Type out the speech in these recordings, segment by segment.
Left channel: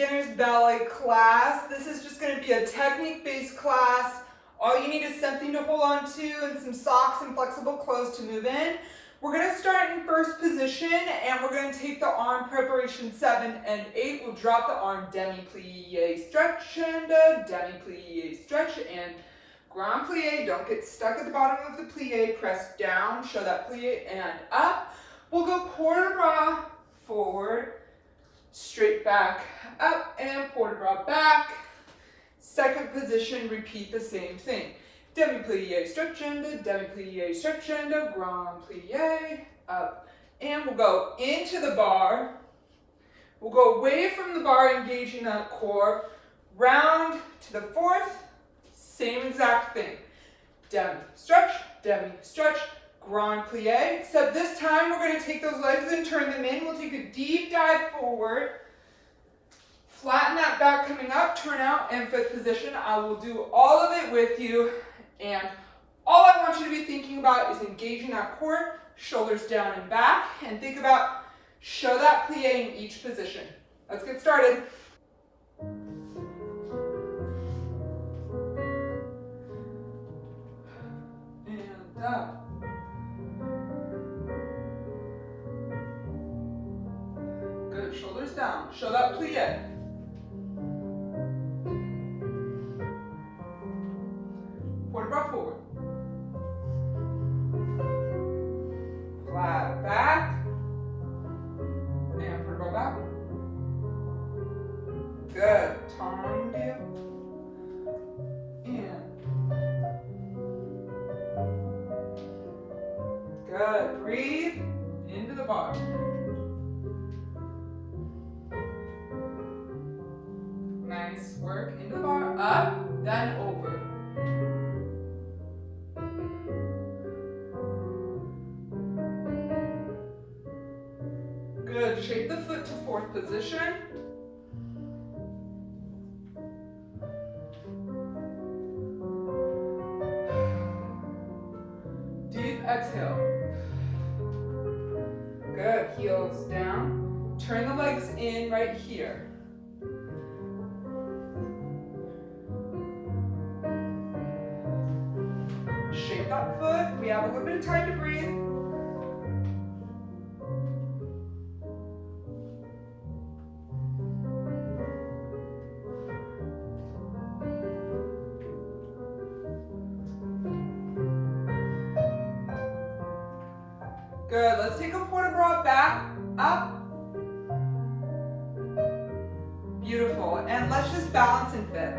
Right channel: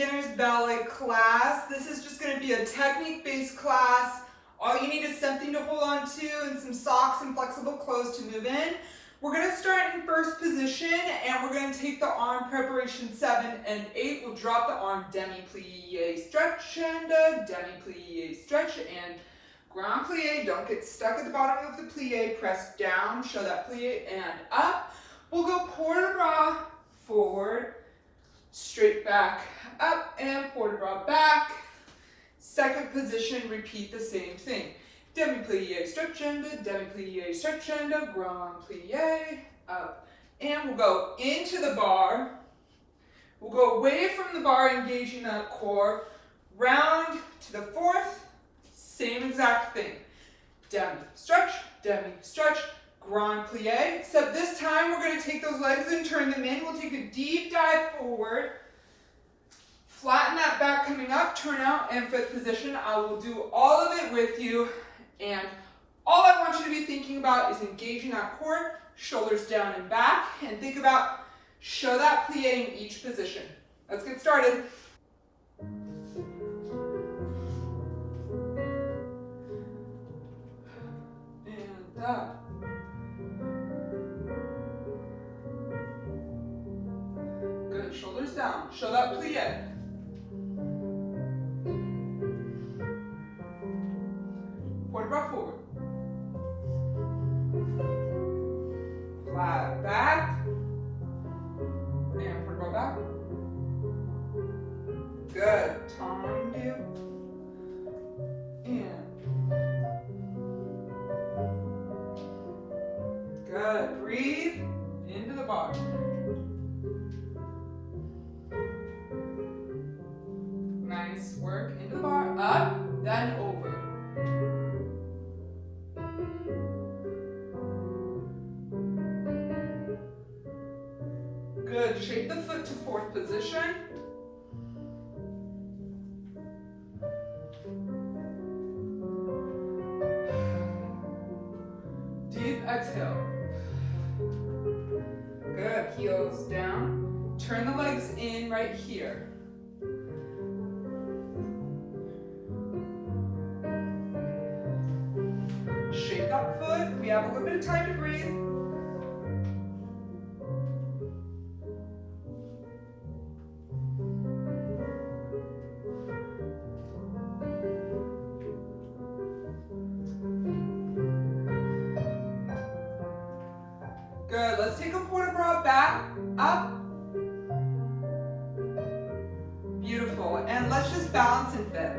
beginner's ballet class. This is just going to be a technique-based class. All you need is something to hold on to and some socks and flexible clothes to move in. We're going to start in first position and we're going to take the arm preparation 7 and 8. We'll drop the arm demi-plie, stretch and demi-plie, stretch and grand plie. Don't get stuck at the bottom of the plie. Press down, show that plie and up. We'll go port de bras, forward, straight back, up, and port de bras back. Second position, repeat the same thing. Demi-plie, stretch and demi-plie, stretch and grand plie, up. And we'll go into the bar. We'll go away from the bar, engaging that core. Round to the fourth, same exact thing. Demi-stretch, grand plie, except this time we're going to take those legs and turn them in. We'll take a deep dive forward, flatten that back coming up, turn out, and fifth position. I will do all of it with you, and all I want you to be thinking about is engaging that core, shoulders down and back, and think about show that plie in each position. Let's get started. And up. Good, shoulders down. Show that plie. Port de bras forward. Flat back. And port de bras back. Good. Tendu. And. Good. Breathe into the bar. Nice work. Into the bar. Up, then over. Good. Shape the foot to fourth position. Deep exhale. Good. Heels down. Turn the legs in right here. Shape that foot. We have a little bit of time to breathe. Good. Let's take a port de bras back, up. Beautiful. And let's just balance and fit.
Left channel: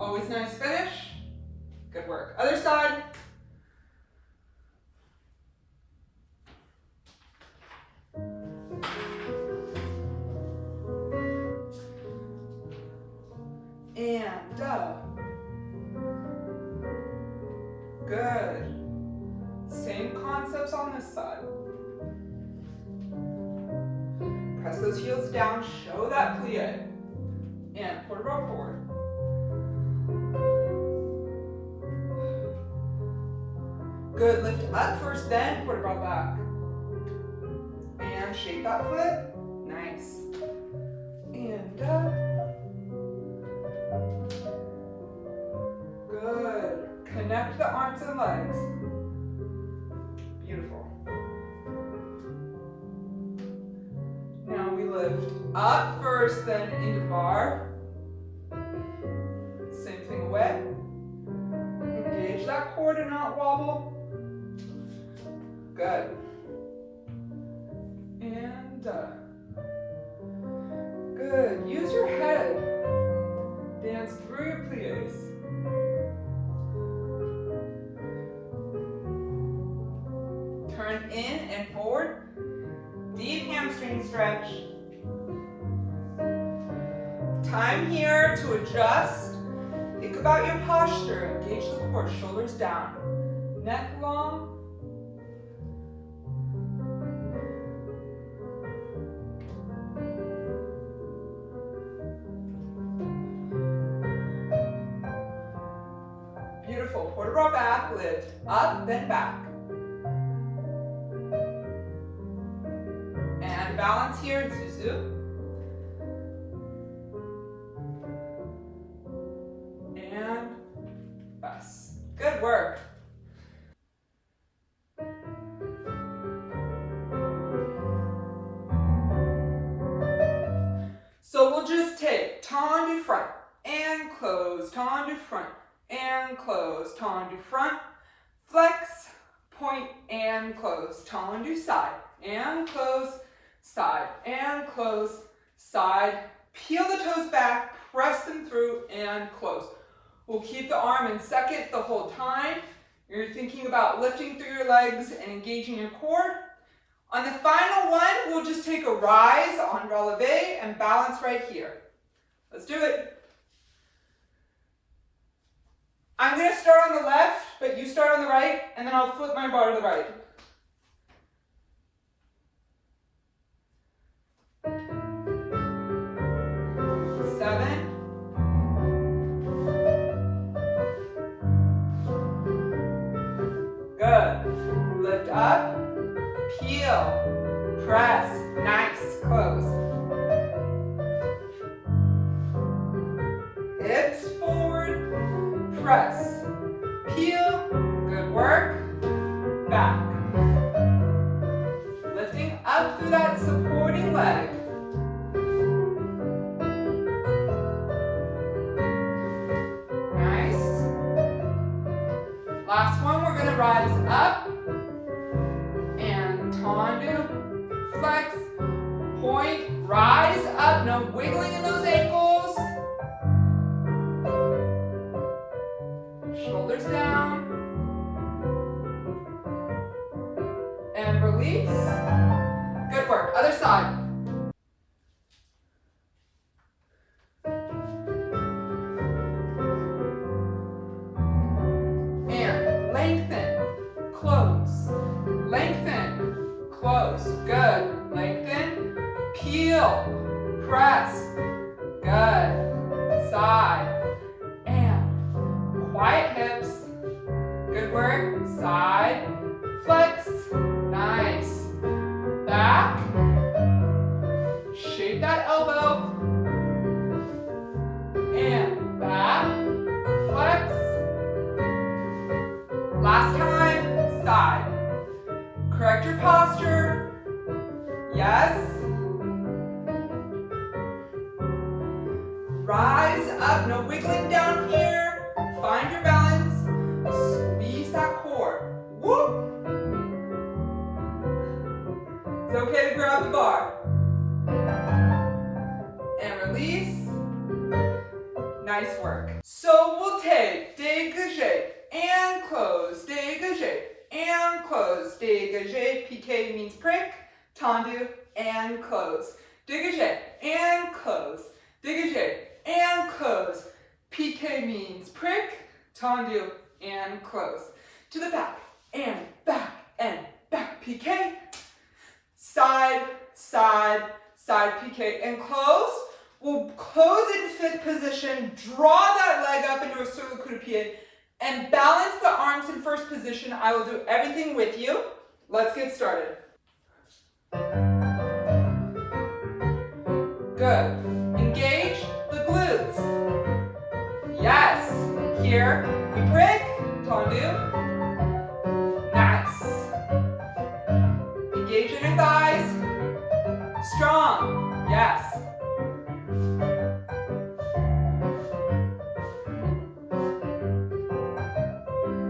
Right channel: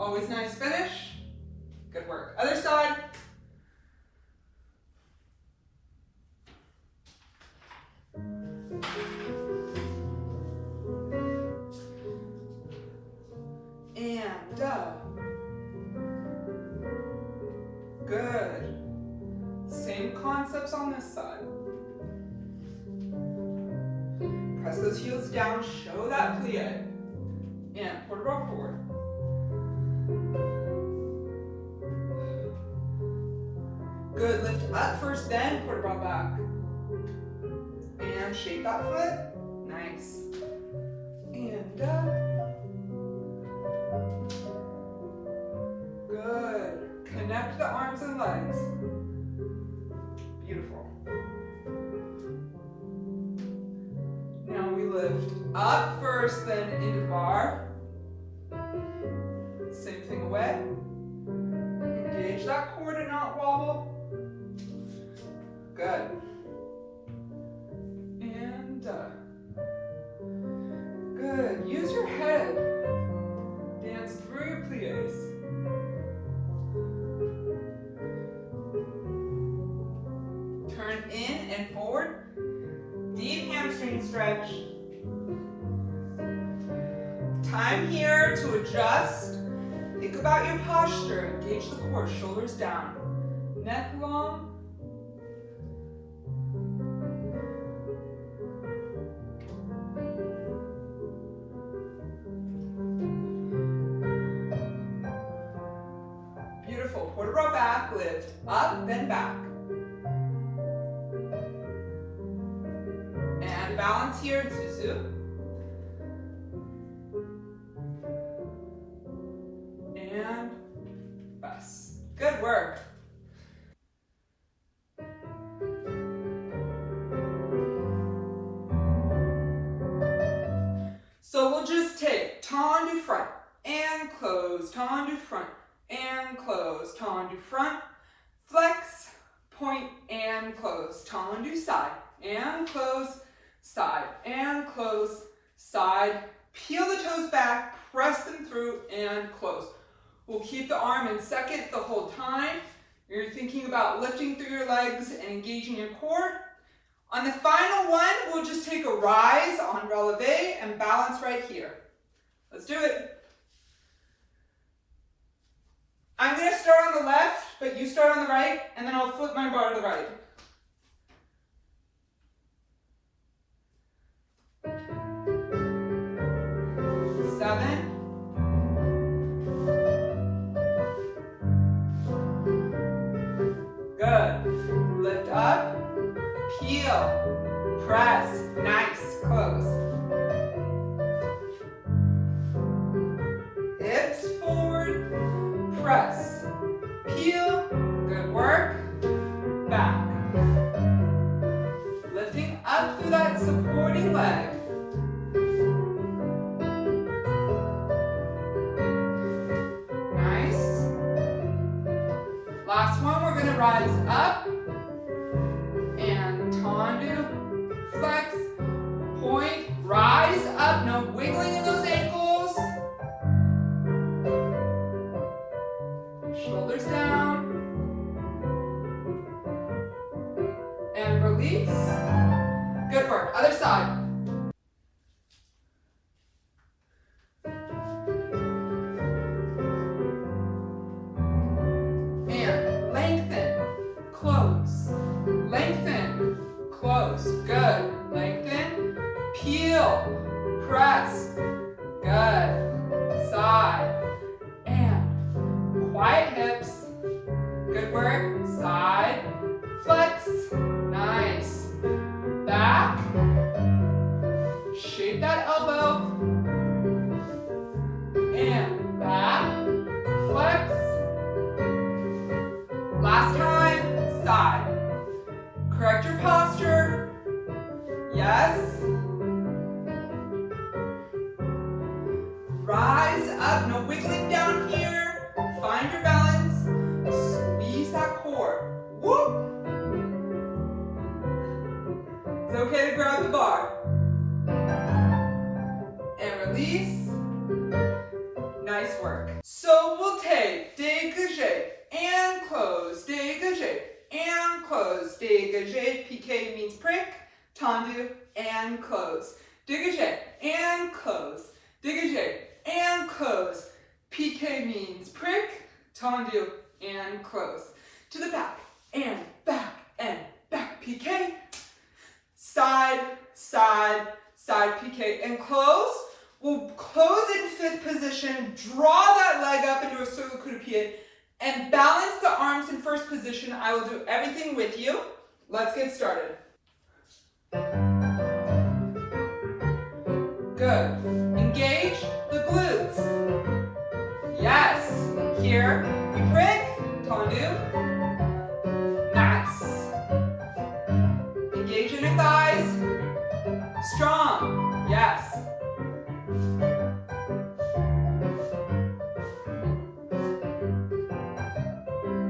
Always nice finish. Good work. Other side. And up. Good. Same concepts on this side. Press those heels down, show that plie. And port de bras forward. Good, lift up first, then port de bras back. And shape that foot. Nice. And up. Good. Connect the arms and legs. Beautiful. Now we lift up first, then into bar. Same thing away. Engage that core to not wobble. Good. And good. Use your head. Dance through your plies. Turn in and forward. Deep hamstring stretch. Time here to adjust. Think about your posture. Engage the core, shoulders down. Neck long. Beautiful. Port de bras back, lift up, then back. balance here, Zuzu. And press. Good work. So we'll just take tendu front and close, tendu front and close, tendu front, flex, point and close, tendu side and close, side and close, side, peel the toes back, press them through and close. We'll keep the arm in second the whole time. You're thinking about lifting through your legs and engaging your core. On the final one, we'll just take a rise on releve and balance right here. Let's do it. I'm going to start on the left, but you start on the right, and then I'll flip my bar to the right. Seven. Good. Lift up. Peel, press, nice, close. Hips forward, press, peel, good work, back. Lifting up through that supporting leg. Nice. Last one, we're gonna rise up. Tendu, flex, point, rise up, no wiggling in those ankles. Shoulders down. And release. Good work. Other side. And lengthen, close, lengthen. Close, good, lengthen, peel, press, good, side, and quiet hips, good work, side, flex, nice, back, shape that elbow, and back, flex, last time, side. Correct your posture. Yes. Rise up, no wiggling down here. Find your balance. Squeeze that core. Whoop. It's okay to grab the bar. And release. Nice work. So we'll take dégagé and close, dégagé. And close, dégagé, pique means prick, tendu, and close. Dégagé, and close, dégagé, and close. Pique means prick, tendu, and close. To the back, and back, pique. Side, side, side, pique, and close. We'll close in fifth position, draw that leg up into a circle coup de pied, and balance the arms in first position. I will do everything with you. Let's get started. Good. Engage the glutes. Yes. Here we prick, tendu. Nice. Engage in your thighs. Strong. Yes.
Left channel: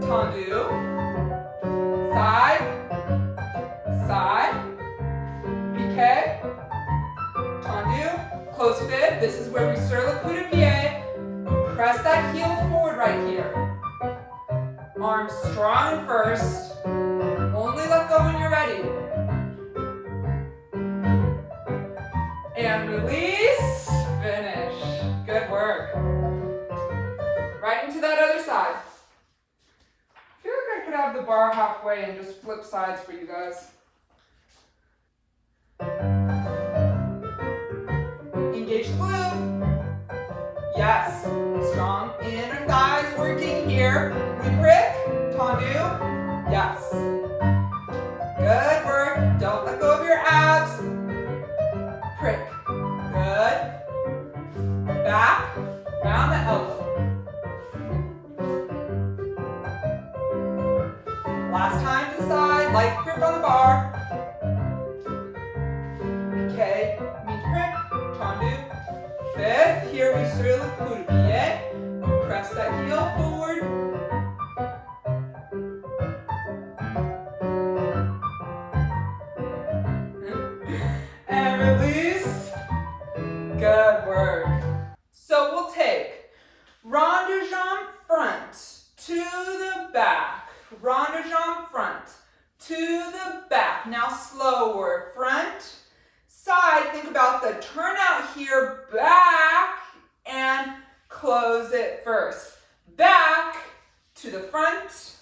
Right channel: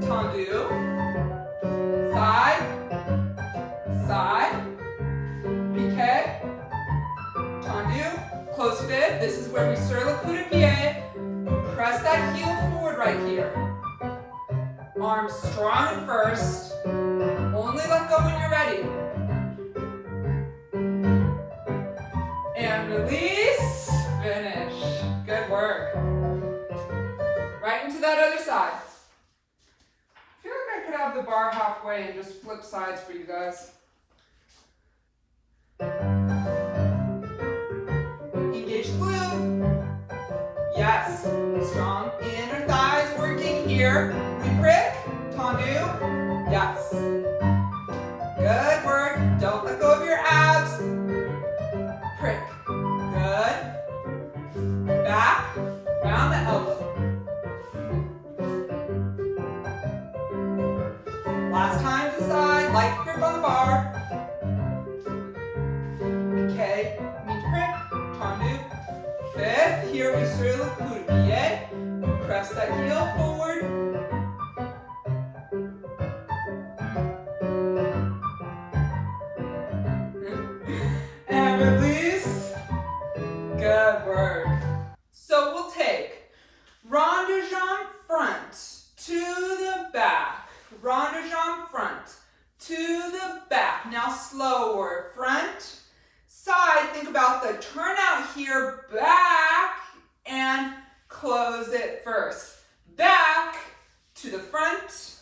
Tendu, side, side, pique, tendu, close fib. This is where we sur le coup de pied. Press that heel forward right here. Arms strong first. Only let go when you're ready. And release, finish. Good work. Right into that other side. I feel like I could have the bar halfway and just flip sides for you guys. Engage glute. Yes. Strong inner thighs working here. We prick. Tendu. Yes. Good work. Don't let go of your abs. again, light grip on the bar. Okay, mi-prep, tendu. Fifth, here we sur le coup de pied. Press that heel forward. And release. Good work. So we'll take rond de jambe front to the back. Rond de jambe front to the back. Now slower. Front, side. Think about the turnout here. Back and close it first. Back to the front.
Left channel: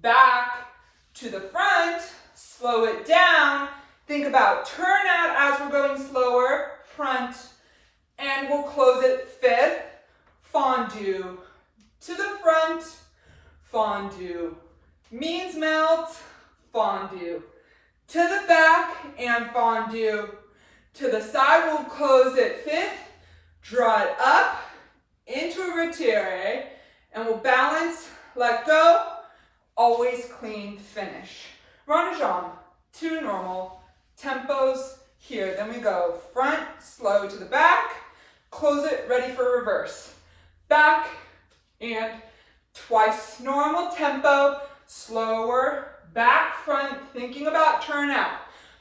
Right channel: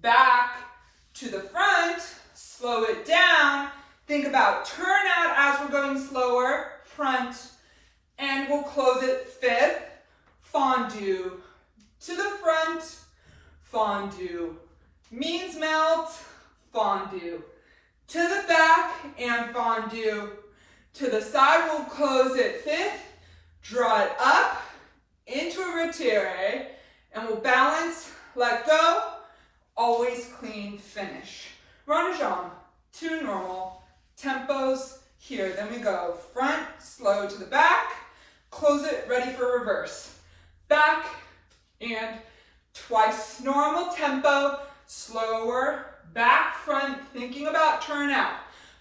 Back to the front. Slow it down. Think about turnout as we're going slower. Front. And we'll close it fifth. Fondue. To the front. Fondue. Means melt. Fondue. To the back and fondue. To the side, we'll close it fifth. Draw it up into a retire. And we'll balance, let go. Always clean finish. Rond de jambe. 2 normal. Tempos here. Then we go front, slow to the back. Close it, ready for reverse. Back and twice normal tempo. Slower, back, front, thinking about turnout.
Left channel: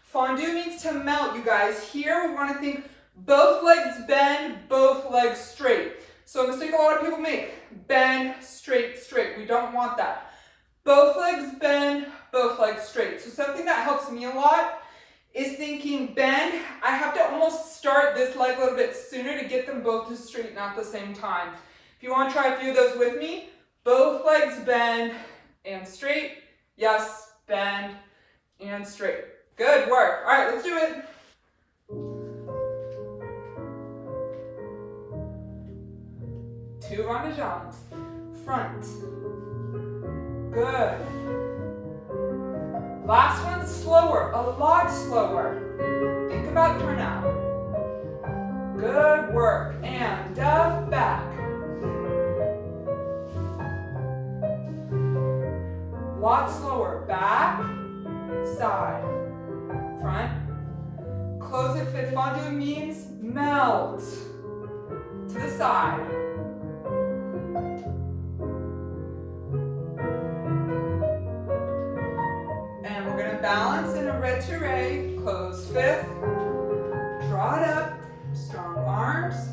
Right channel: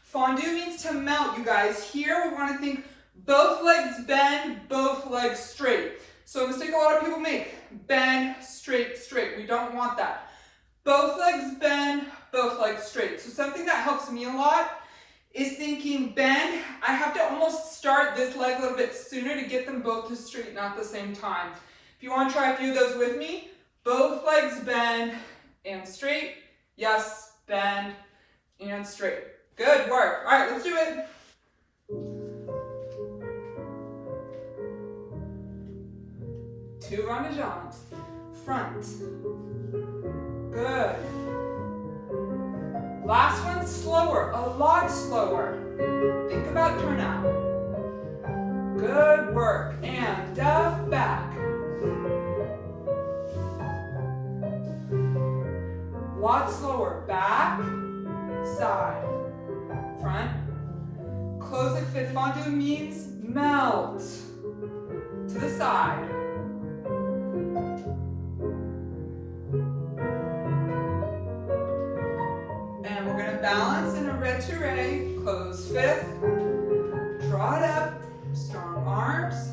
Fondue means to melt, you guys. Here we want to think both legs bend, both legs straight. So a mistake a lot of people make, bend, straight, straight. We don't want that. Both legs bend, both legs straight. So something that helps me a lot is thinking bend. I have to almost start this leg a little bit sooner to get them both to straighten at the same time. If you want to try a few of those with me, both legs bend and straight. Yes, bend and straight. Good work. All right, let's do it. Two rond de jambes. Front. Good. Last one slower, a lot slower. Think about turnout. Good work. And back. Lot slower. Back, side, front. Close it fit. Fondue means melt. To the side. And we're going to balance in a retire. Close fifth. Draw it up. Strong arms.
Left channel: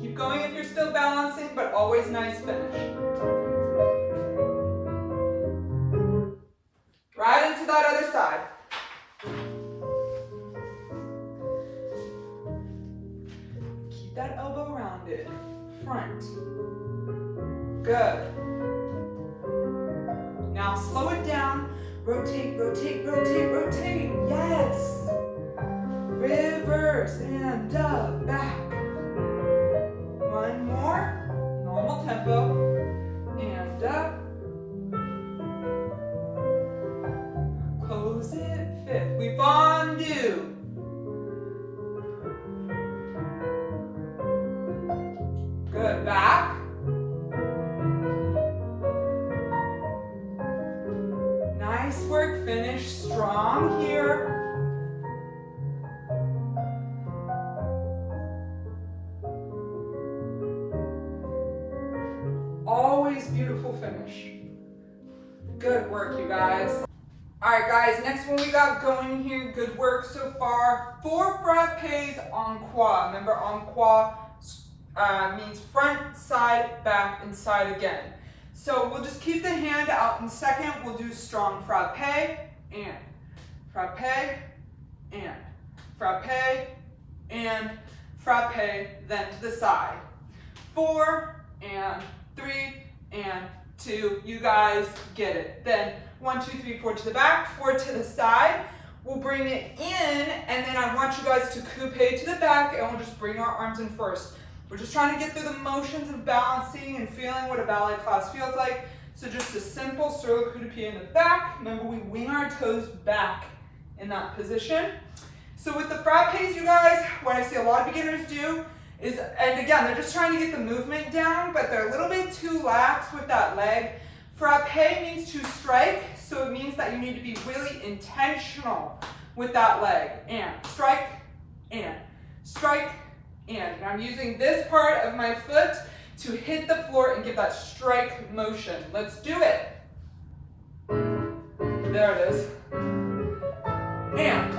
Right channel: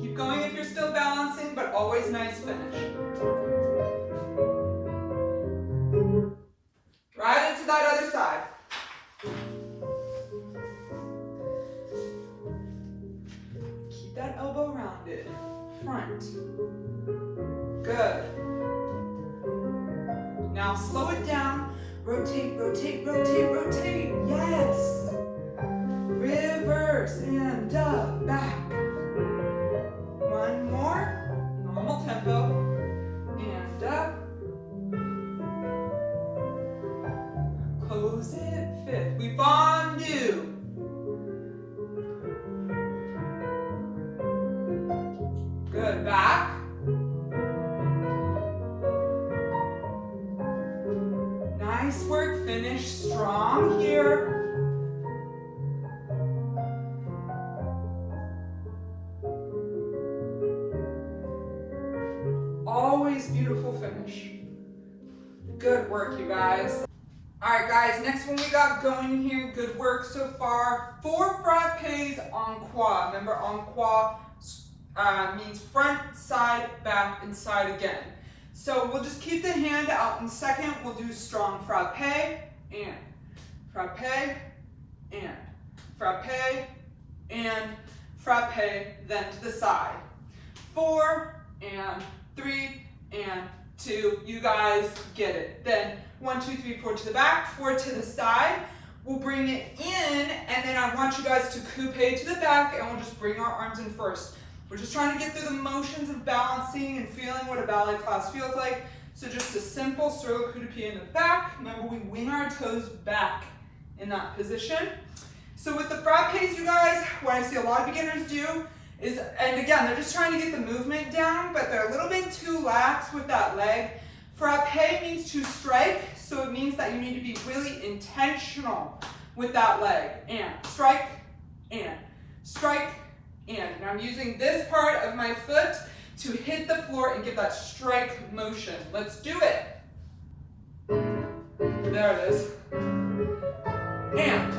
Keep going if you're still balancing, but always nice finish. Right into that other side. Keep that elbow rounded. Front. Good. Now slow it down. Rotate, rotate, rotate, rotate. Yes. Reverse and up, back. One more. Normal tempo. And up. Close it. Fifth. We fondue. Good. Back. Nice work. Finish strong here. Always beautiful finish. Good work, you guys. All right, guys, next one we got going here. Good work so far. 4 frappes en croix. Remember, en croix means front, side, back, and side again. So we'll just keep the hand out in second. We'll do strong frappe and frappe and frappe and frappe, then to the side. 4 and 3 and 2. You guys get it. Then 1, 2, 3, 4 to the back, 4 to the side. We'll bring it in, and then I want you guys to coupe to the back, and we'll just bring our arms in first. We're just trying to get through the motions of balancing and feeling what a ballet class feels like. So just a simple sur le coup de pied in the back. Remember, we wing our toes back in that position. So with the frappes, you guys, what I see a lot of beginners do and again, they're just trying to get the movement down, but they're a little bit too lax with that leg. Frappe means to strike, so it means that you need to be really intentional with that leg. And strike, and strike, and I'm using this part of my foot to hit the floor and give that strike motion. Let's do it. There it is. And.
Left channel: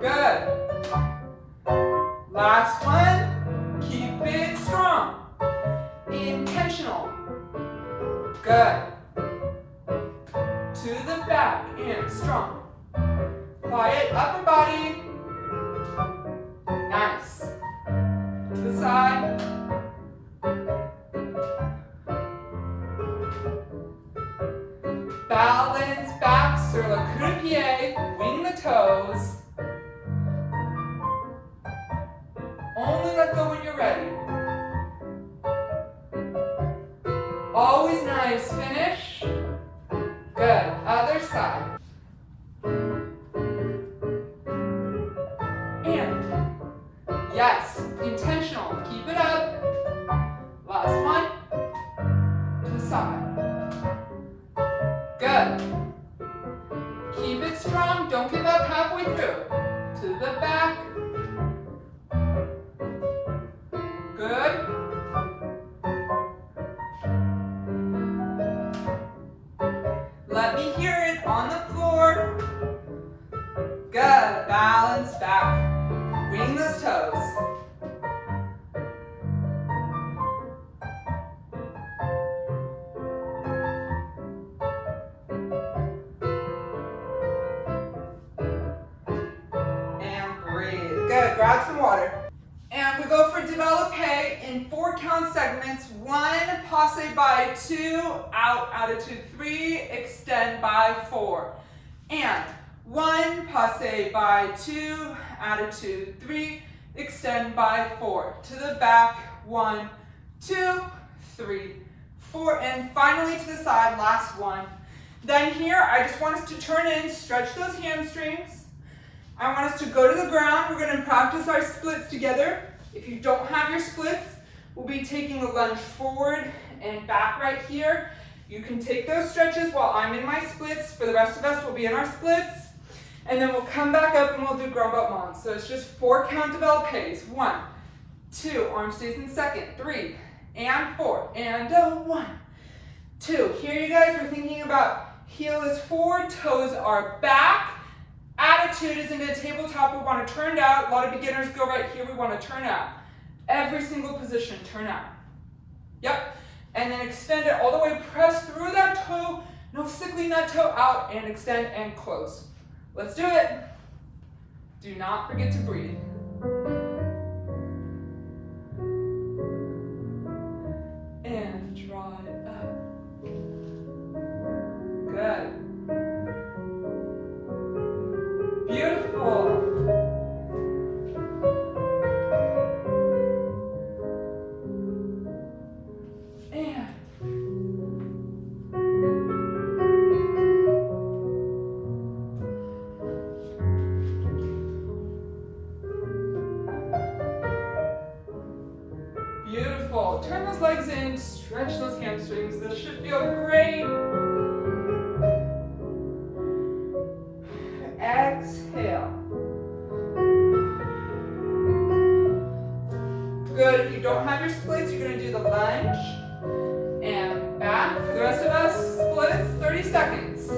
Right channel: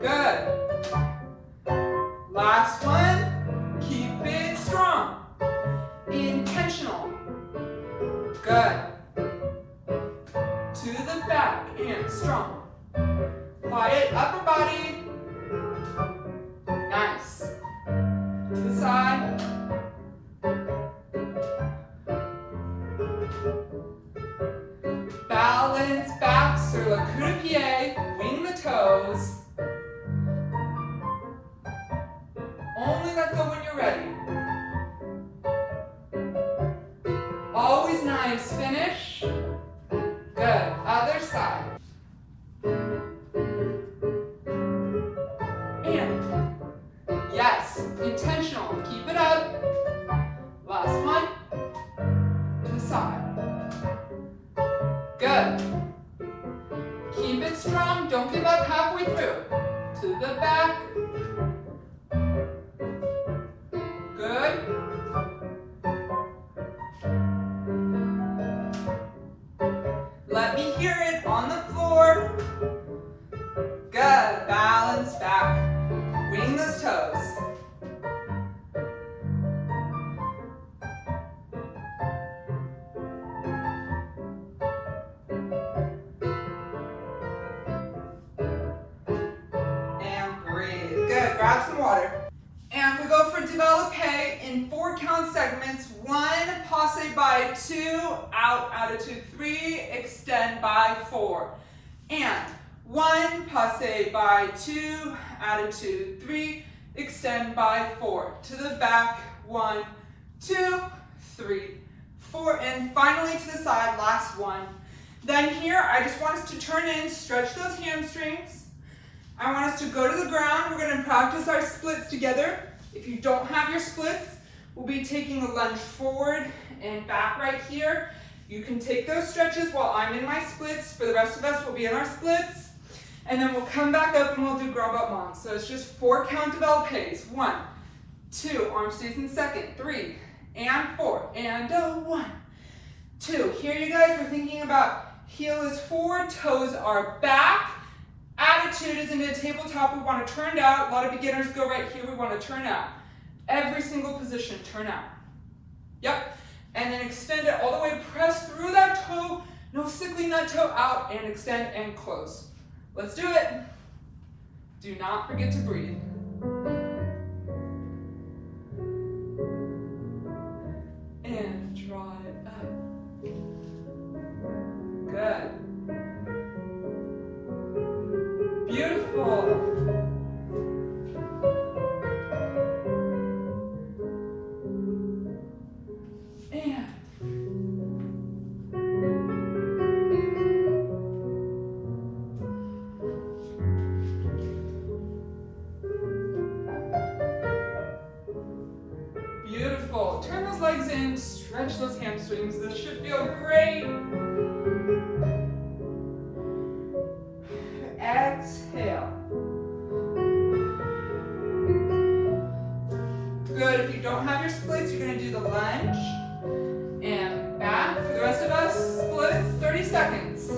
Good. Last one. Keep it strong. Intentional. Good. To the back and strong. Quiet upper body. Nice. To the side. Balance back sur le coup de pied. Wing the toes. Only let go when you're ready. Always nice finish. Good. Other side. And yes, intentional. Keep it up. Last one. To the side. Good. Keep it strong. Don't give up halfway through. To the back. Good. Let me hear it on the floor. Good. Balance back. Wing those toes. And breathe. Good. Grab some water. And we go for Developpe in 4 count segments. 1, passe by 2, out, attitude 3, extend by 4. And 1, passe by 2, attitude 3, extend by 4. To the back, 1, 2, 3, 4. And finally to the side, last one. Then here, I just want us to turn in, stretch those hamstrings. I want us to go to the ground. We're going to practice our splits together. If you don't have your splits, we'll be taking a lunge forward and back right here. You can take those stretches while I'm in my splits. For the rest of us, we'll be in our splits. And then we'll come back up and we'll do grand battement. So it's just 4 count Developpes. 1, 2, arm stays in second, 3, and 4, and 1, 2. Here you guys, we're thinking about heel is forward, toes are back. Attitude is into a tabletop. We want to turn out. A lot of beginners go right here. We want to turn out. Every single position, turn out. Yep. And then extend it all the way. Press through that toe. No sickling that toe out. And extend and close. Let's do it. Do not forget to breathe. And draw it up. Good. Beautiful. And beautiful. Turn those legs in, stretch those hamstrings. This should feel great. Exhale. Good. If you don't have your splits, you're going to do the lunge and back. For the rest of us, splits, 30 seconds.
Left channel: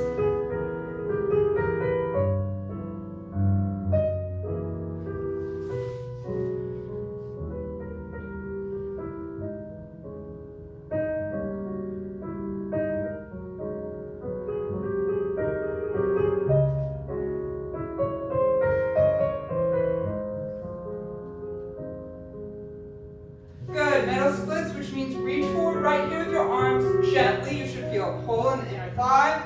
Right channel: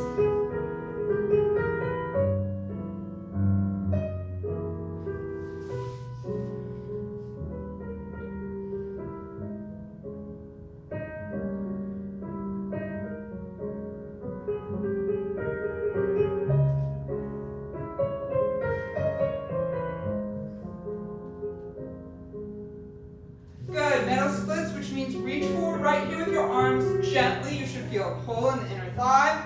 Right here with your arms gently. You should feel a pull in the inner thigh.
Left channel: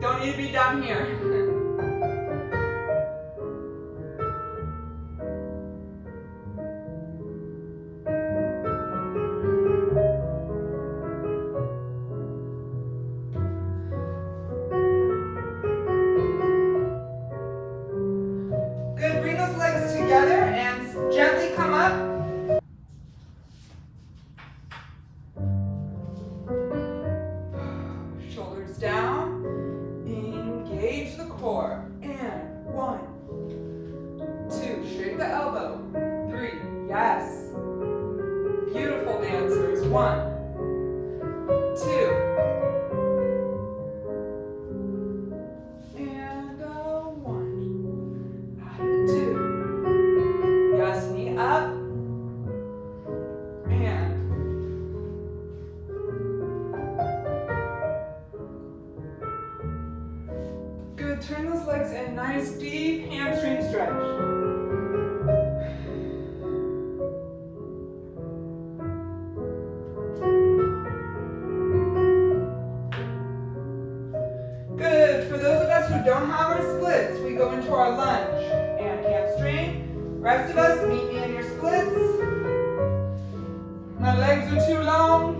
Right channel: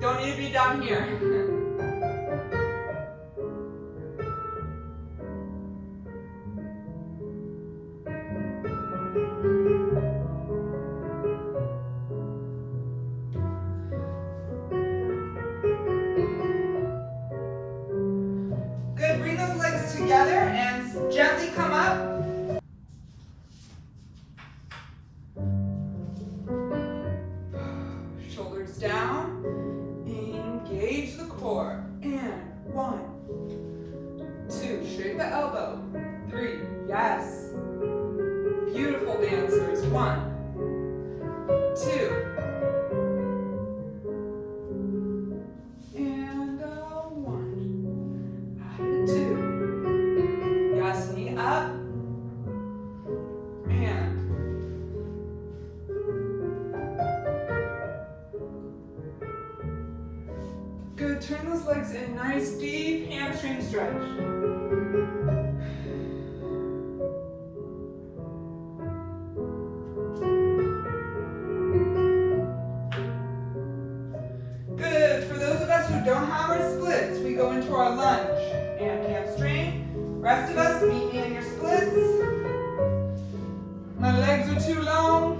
Don't need to be down here. Good. Bring those legs 1, 2, and 1, added 2. Yes, knee up, and good. Turn those legs in, nice deep hamstring stretch. Good. For those of us who don't have our splits, we go into our lunge and hamstring. Rest of us, meet me in your splits. My legs are too long.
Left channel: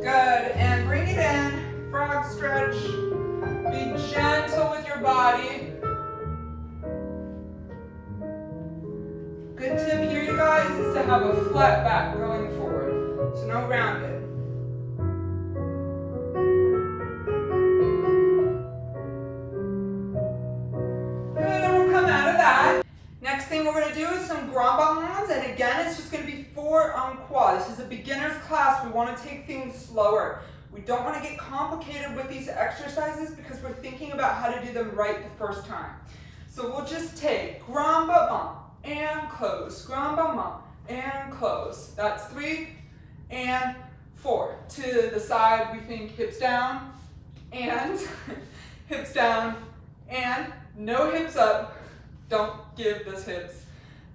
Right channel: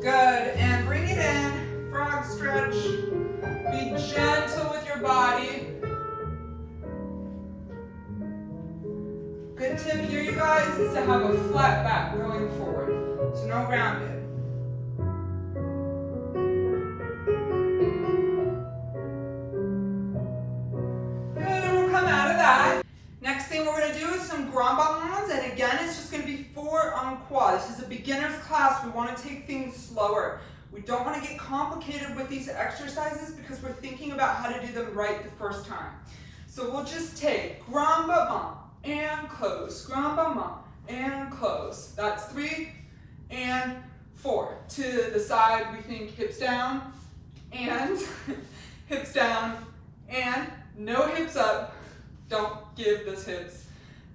Good, and bring it in, frog stretch. Be gentle with your body. Good tip here, you guys, is to have a flat back going forward, so no rounded. Good, and we'll come out of that. Next thing we're going to do is some grand ballons, and again, it's just going to be 4 on quad. This is a beginner's class. We want to take things slower. We don't want to get complicated with these exercises because we're thinking about how to do them right the first time. So we'll just take grand ballon and close, grand ballon and close. That's 3 and 4. To the side, we think hips down and hips down and no hips up. Don't give those hips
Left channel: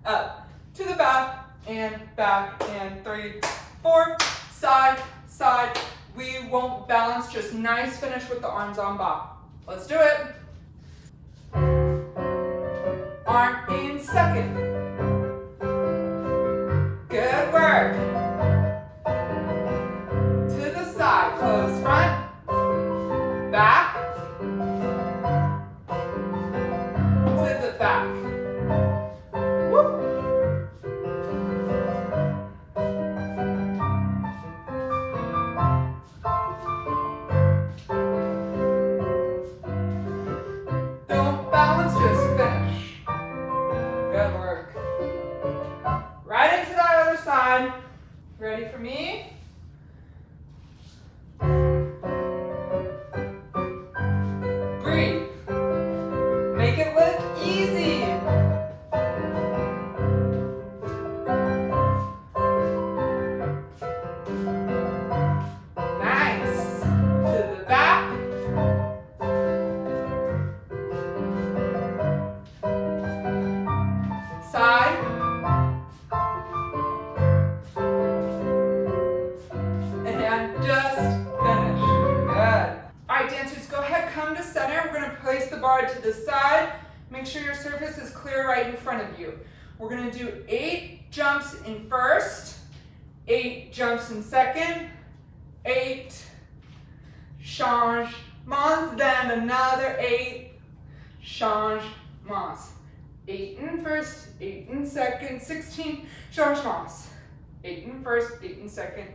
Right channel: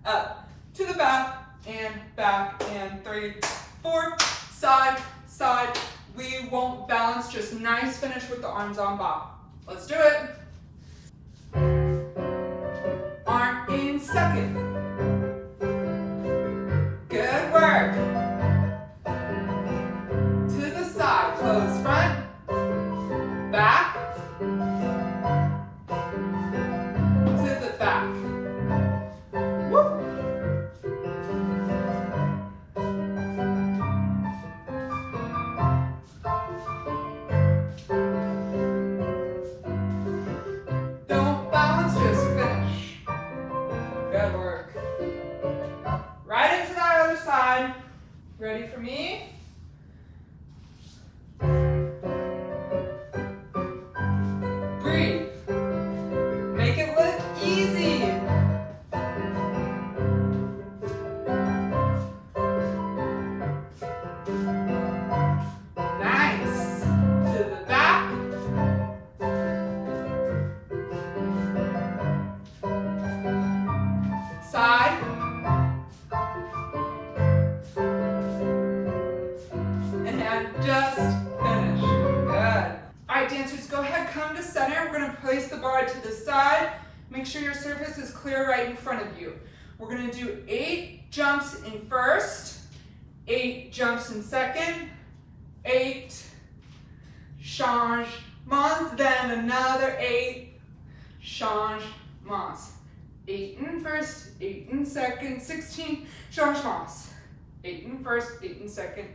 up. To the back and 3, 4, side, side. We won't balance, just nice finish with the arms on back. Let's do it. Arm in second. Good work. To the side, close front, back, to the back. Woo. Don't balance, just finish. Good work. Right into that other side. Ready for me? Breathe. Make it look easy. Nice. To the back. Side. And just finish. Good. All right, dancers, go ahead, come to center. We're going to place the bar to the side. Make sure your surface is clear right in front of you. We're going to do 8 jumps in first, 8 jumps in second, 8 changements, then another 8 changements. 8 in first, 8 in second, 16 changements. 8 in first, 8 in second.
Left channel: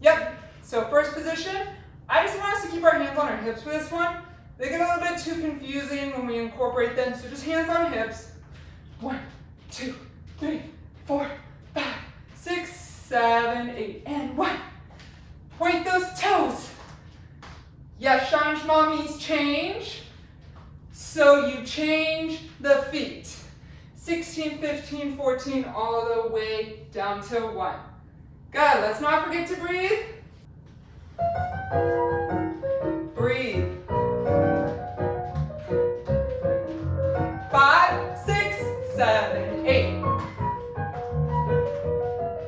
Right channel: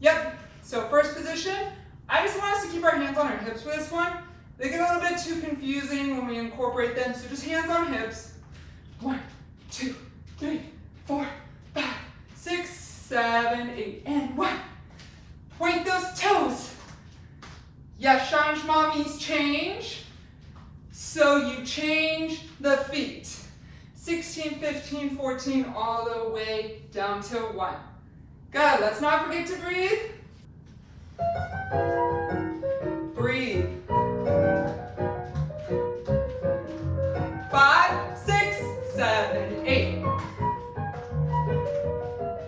Yep, so first position. I just want us to keep our hands on our hips for this one. They get a little bit too confusing when we incorporate them, so just hands on hips. 1, 2, 3, 4, 5, 6, 7, 8, and 1. Point those toes. Yes, changement means change. So you change the feet. 16, 15, 14, all the way down to 1. Good, let's not forget to breathe. Breathe. 5, 6, 7, 8.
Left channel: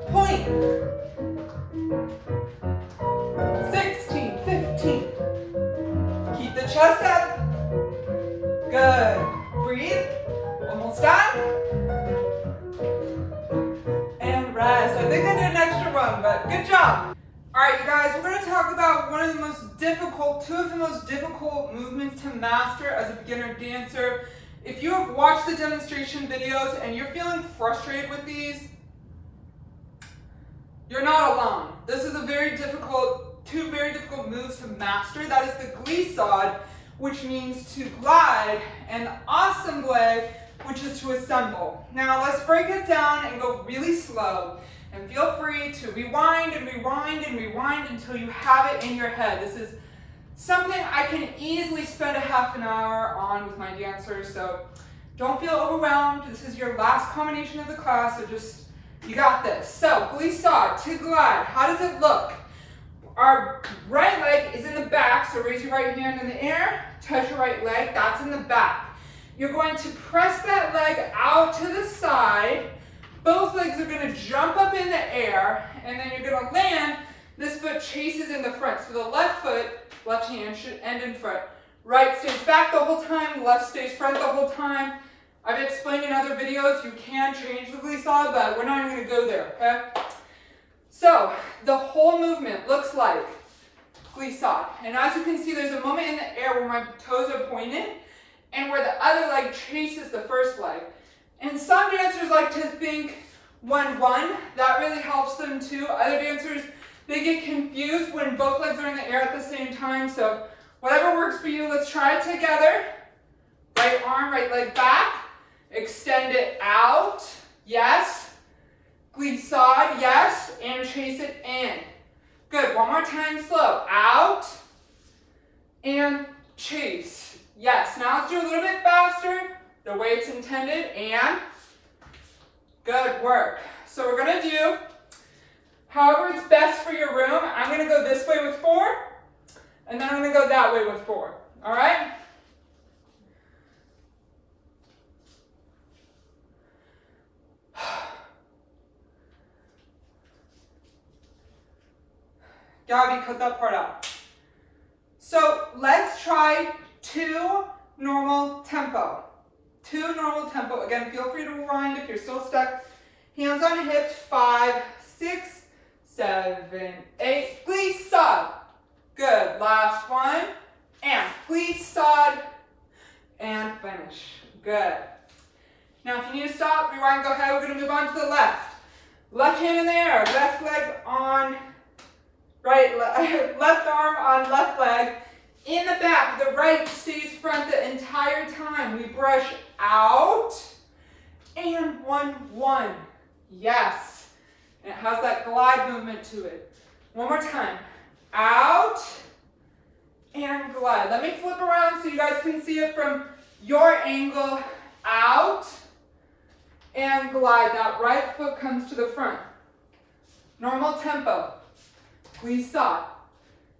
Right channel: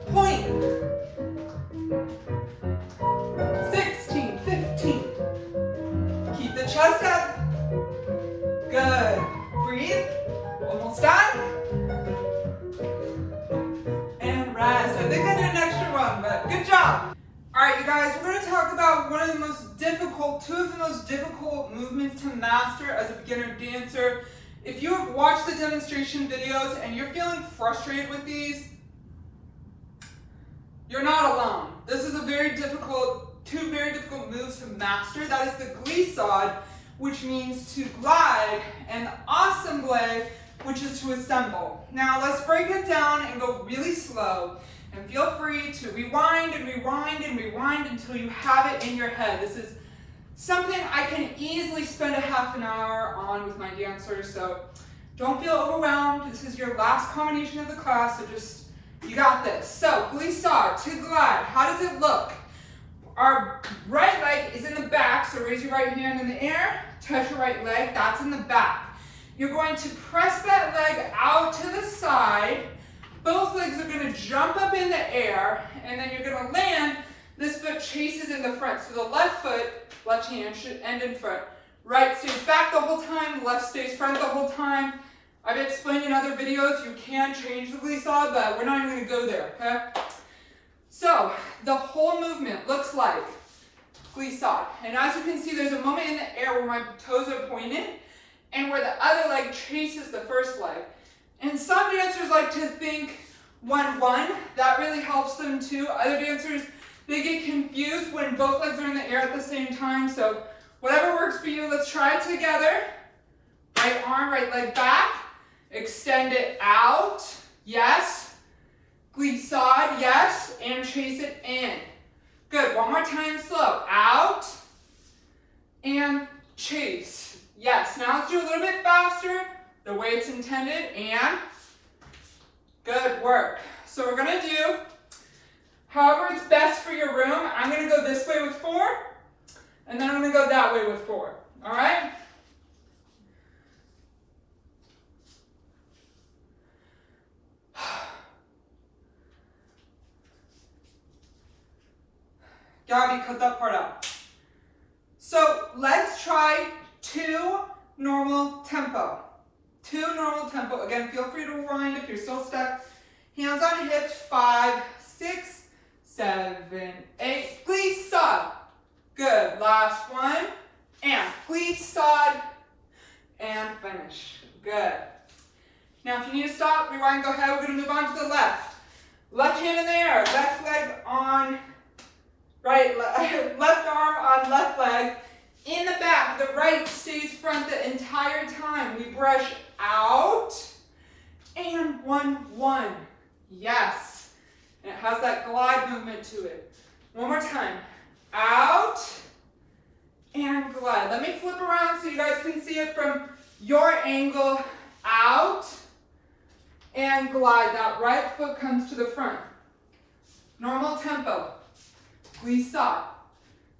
Point. 16, 15. Keep the chest up. Good. Breathe. Almost done. And rest. I think I did an extra one, but good job. All All right, you guys, we're gonna talk about two of the most difficult movements to master as a beginner dancer. If you have watched the demonstration videos and you're feeling frustrated with these, you're not alone. This is two very difficult moves to master. That is the glissade, which means to glide, and the assemble, which is to assemble. Now let's break it down and go really slow. And feel free to rewind and rewind and rewind until you have it in your head. This is something I can easily spend a half an hour on with my dancers, so don't feel overwhelmed. This is your last combination of the class, so you got this. So, glissade, to glide, how does it look? Our right leg is in the back, so raise your right hand in the air, touch your right leg, that's in the back. You're going to press that leg out to the side. Both legs are going to jump up in the air, and then you're going to land. This foot chases in the front. So the left hand should end in front. Right stays back the whole time, left stays front the whole time. I've explained in other videos you can change the glissade, but we're not even going to go there, okay? So the whole movement looks like glissade. And as you can see, there's a moment in the air where my toes are pointed and where the other leg chases the first leg. And some dancers like to think 1-1. That really helps them too. Other dancers, they get confused when both legs are in the air at the same time. So whatever works for you, let's try it together. Right arm, right leg back. Extend it out. Yes. Glissade, yes. And chase it in. Good. One more time, slow. Out. And chase. Yes. Now let's do a little bit faster, the way it's intended, and good work. So we're gonna do however it's best for your room. I'm gonna go this way with 4, and then I'm gonna go that way with 4, all right? Gabby, cut that part out. So let's try 2 normal tempo. 2 normal tempo. Again, feel free to rewind if you're still stuck. Hands on hips. 5, 6, 7, 8. Glissade. Good. Last one. And glissade. And finish. Good. Now, if you need to stop, rewind, go ahead. We're going to move on to the left. Left hand in the air. Left leg on right leg. Left arm on left leg. In the back, the right stays front the entire time. We brush out and 1-1. Yes. And it has that glide movement to it. One more time. Out and glide. Let me flip around so you guys can see it from your angle. Out and glide. That right foot comes to the front. Normal tempo. Glissade.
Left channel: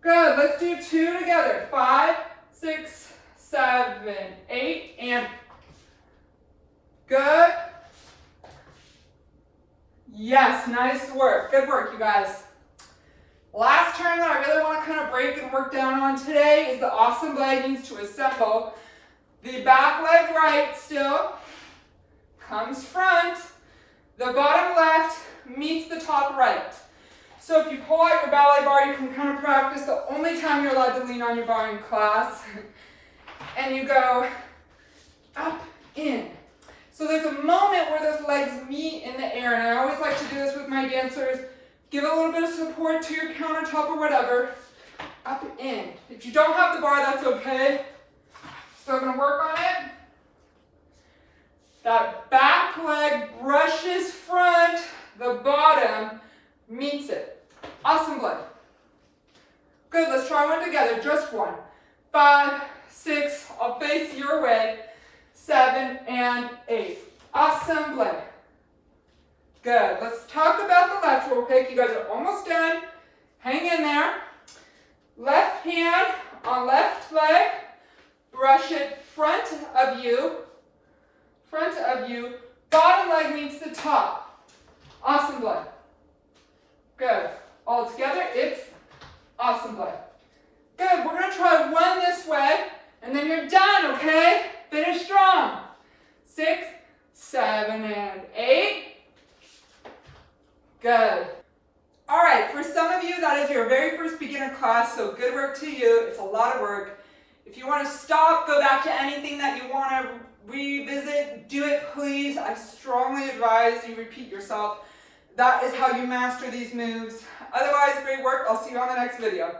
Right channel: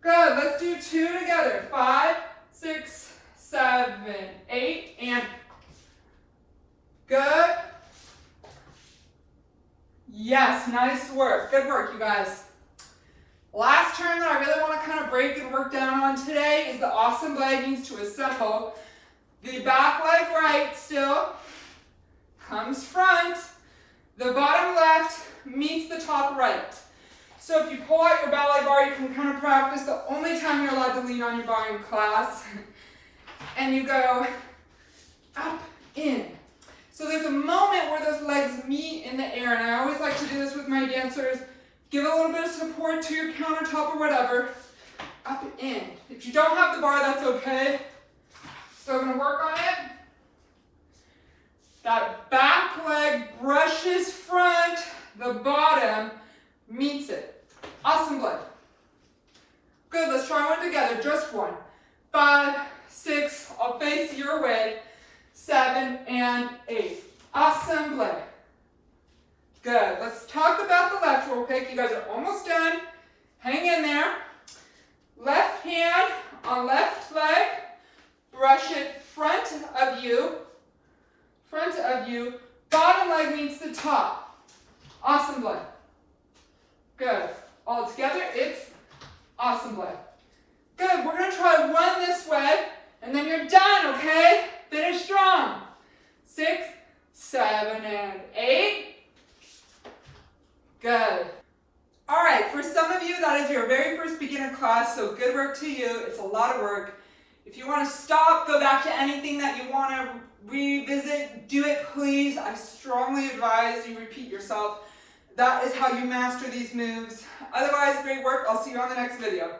Good, let's do 2 together. 5, 6, 7, 8, and good. Yes, nice work. Good work, you guys. Last turn that I really want to kind of break and work down on today is the awesome leggings to assemble. The back leg right still comes front. The bottom left meets the top right. So if you pull out your ballet bar, you can kind of practice the only time you're allowed to lean on your bar in class. And you go up, in. So there's a moment where those legs meet in the air, and I always like to do this with my dancers. Give a little bit of support to your countertop or whatever. Up, in. If you don't have the bar, that's okay. So I'm going to work on it. That back leg brushes front, the bottom meets it. Awesome blend. Good, let's try one together, just 1. 5, 6, I'll face your way. 7 and 8. Awesome blend. Good, let's talk about the left real quick. You guys are almost done. Hang in there. Left hand on left leg. Brush it front of you. Front of you. Bottom leg meets the top. Awesome blend. Good. All together, it's awesome blend. Good, we're going to try 1 this way, and then you're done, okay? Finish strong. 6, 7, and 8. Good. All right, right, for some of you, that is your very first beginner class, so good work to you. It's a lot of work. If you want to stop, go back to anything that you want to revisit, do it please. I strongly advise you repeat yourself. That is how you master these moves. Otherwise, great work. I'll see you on the next video.